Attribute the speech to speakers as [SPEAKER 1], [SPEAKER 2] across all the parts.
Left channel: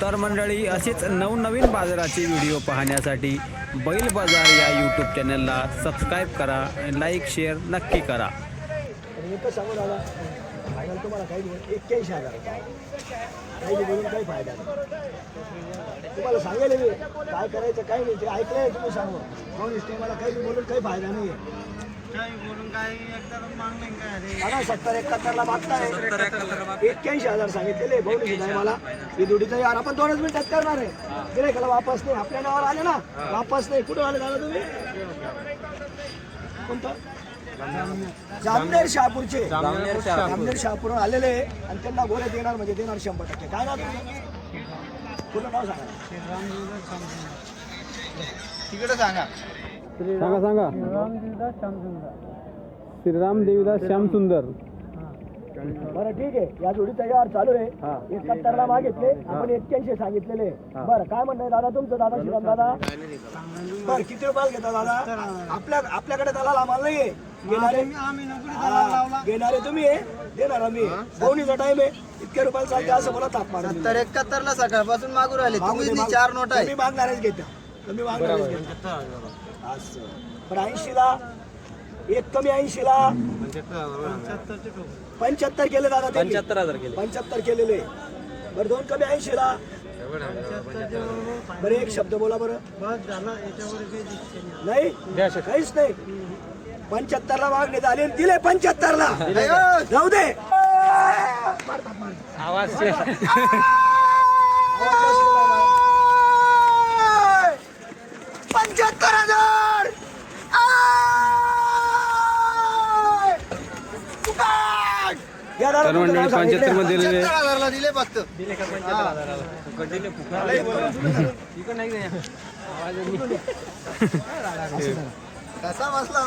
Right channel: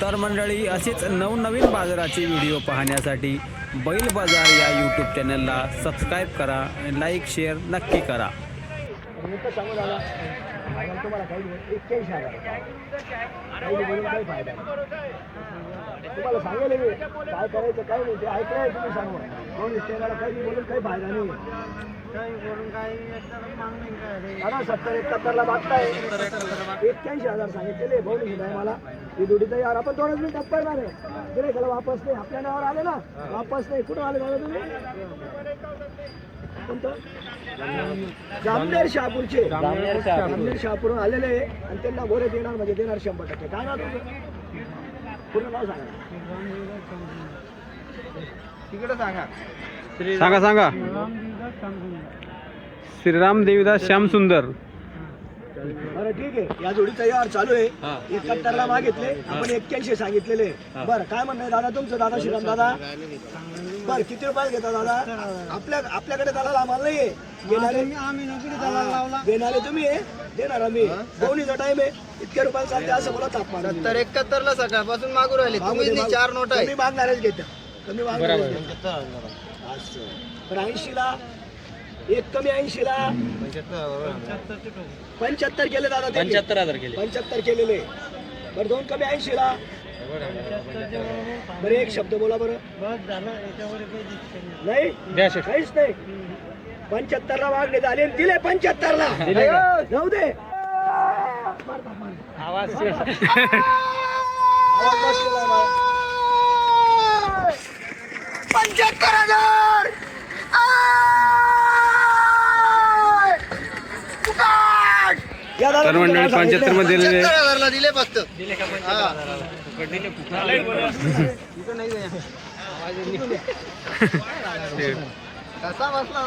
[SPEAKER 1] तर मंडळी असेच नवनवीन बाजाराचे व्हिडिओ पाहण्यासाठी बैल बाजार या यूट्यूब चॅनलला सबस्क्राईब करा लाईक शेअर नक्की करा.
[SPEAKER 2] एकच सांगू दादा फायनल तुम्हाला काही नाही एक्क्याऐंशी हजार काही बोलून काही फायदा नाही. तुम्हाला सांगेल मी काय करायचं काय नाही ते ऐकलंय तुम्ही सांगू दोन स्टेनाला काही बोलून काही फायदा नाही. दादा सत्तर एकाहत्तरला मागताय. एक्क्याऐंशी हजार सांगितलेले बोलू सुद्धा मला. ही आपण दोनच मिनिटात करणार आहे. वापस नाही. आपल्या नावावर आले ना. वापस नाही. कुठे आले दादा तुम्ही? कोणतं? जामनेर शहापूरचे. जामनेर शहापूर. आलेले आहे आणि त्यांना गोरे देणार म्हणजे देणार शंभर टक्के. काय नाव तुमचं? पूर्ण नाव सांगा.
[SPEAKER 1] सांगा सांगा. श्रीराम देवीदास श्याम सुंदर.
[SPEAKER 2] बरं ठीक आहे. या जोडीचा यार चालू आहे. एकाहत्तरला मागितले आपण एक्क्याऐंशी सांगितलेले बरं काय म्हणणं दादा तुमचं? दादा श्रीराम दादा? बरं किती रुपये घेता दादा? आपल्या आपल्याकडे दलाल आम्हाला नाही आहे. तुम्ही आहे. देणार आम्ही. दोन्हीचा टाइम आहे. इतके रुपये चालते असं मला तापमान
[SPEAKER 3] सत्तर एकाहत्तर ला सकाळपासून मागू राहिले. तुम्ही चार नोट आहे.
[SPEAKER 2] कमी मागणारच घेत्या. मागणारच घेत्या. असं. पण ऐंशीला एक कमी ऐंशीला. पंच्याहत्तर केले दादा पंच्याहत्तर हजार केले. पंच्याहत्तर केलेले. बरं दोन कमी ऐंशीला. बरं एक शब्द बोला बरं. नाही काहीच नाही. पंच्याहत्तर ला मागणे झाले आणि दिले पंच्याहत्तर ला जाऊ दे. पंच्याहत्तर हजार या दादा
[SPEAKER 1] तर मंडळी पंच्याहत्तरमध्ये दिलेले
[SPEAKER 3] दिले फक्त. कसा बसला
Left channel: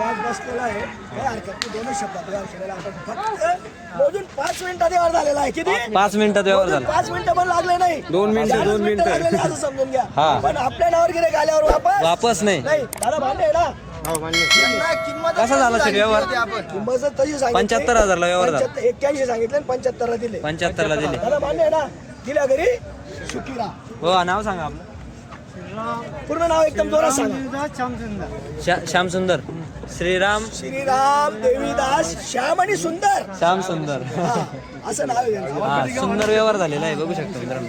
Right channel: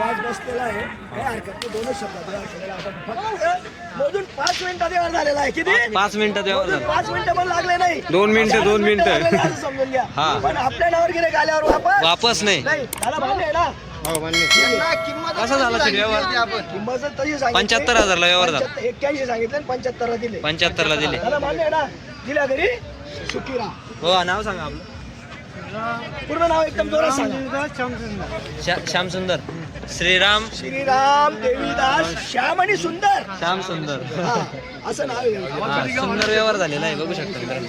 [SPEAKER 2] आवाज बसलेला आहे. काय हरकत नाही दोनच शब्दात या क्षणाला आपण फक्त मोजून पाच मिनिटात व्यवहार झालेला आहे. किती?
[SPEAKER 1] पाच मिनिटात
[SPEAKER 2] मोजून पाच मिनिटं पण लागले नाही.
[SPEAKER 1] दोन मिनिटं, दोन मिनिटं.
[SPEAKER 2] लागले असं समजून घ्या. पण आपल्या नावावर गिरे आल्यावर वापस?
[SPEAKER 1] वापस नाही.
[SPEAKER 2] नाही दादा मान्य आहे ना.
[SPEAKER 1] कसा झाला
[SPEAKER 3] सांगितली
[SPEAKER 1] व्यवहार?
[SPEAKER 2] किंमत तशी सांगितली.
[SPEAKER 1] पंच्याहत्तर हजारला व्यवहार झाला.
[SPEAKER 2] पंच्याहत्तर- एक्क्याऐंशी सांगितले आणि पंच्याहत्तरला दिले.
[SPEAKER 1] पंच्याहत्तरला दिले.
[SPEAKER 2] दादा मान्य आहे ना. दिल्या घरी? सुखीरा
[SPEAKER 1] हो नाव सांगा आपलं.
[SPEAKER 2] पूर्ण नाव एकदम जोरात सांगा.
[SPEAKER 1] श्याम सुंदर श्रीराम.
[SPEAKER 2] श्रीराम देवीदास श्याम आणि सुंदर.
[SPEAKER 1] श्याम सुंदर.
[SPEAKER 2] हा, असं नाव आहे त्यांचं.
[SPEAKER 1] सुंदर व्यवहार झालेला आहे बघू शकता मित्रांनो.